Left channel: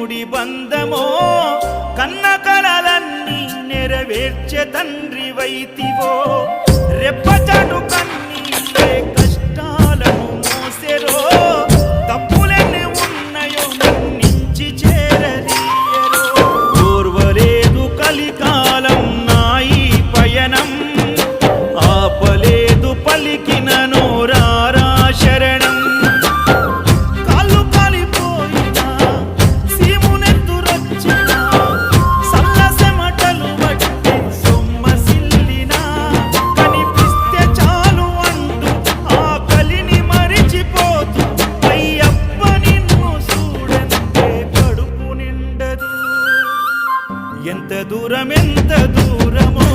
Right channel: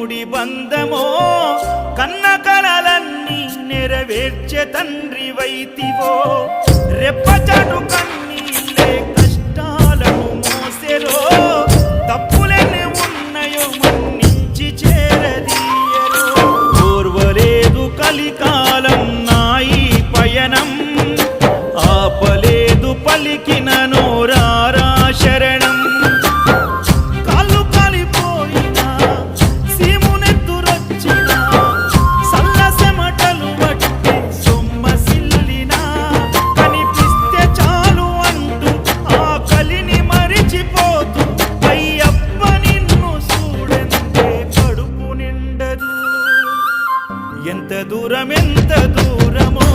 ఇరుముడి బంధమో కన్న కలలన్నీ నెరవేర్చే తండ్రి వైతివో రెప్పచాటు కన్నీళ్ళే కష్టాలను మోసెరో తప్పులెన్ని ఉన్నాయో మన్నించి చేరదీయరో ఓర్వలేదు కలికాలం నాయి పయనం ఆపలేదు పలికిన నోరారా శరణం కాళ్ళు కాలిపోయినా సీమునెత్తురొచ్చినా సల్లసెమటలు బట్టి సొమ్మసిల్లినా కనిపిస్తే చాలు అంటూ ఆ కలిని మరిచిపోతూ అయ్యప్ప నిన్ను చూడంతే కడుపు నిండదు ఎంత దూరమో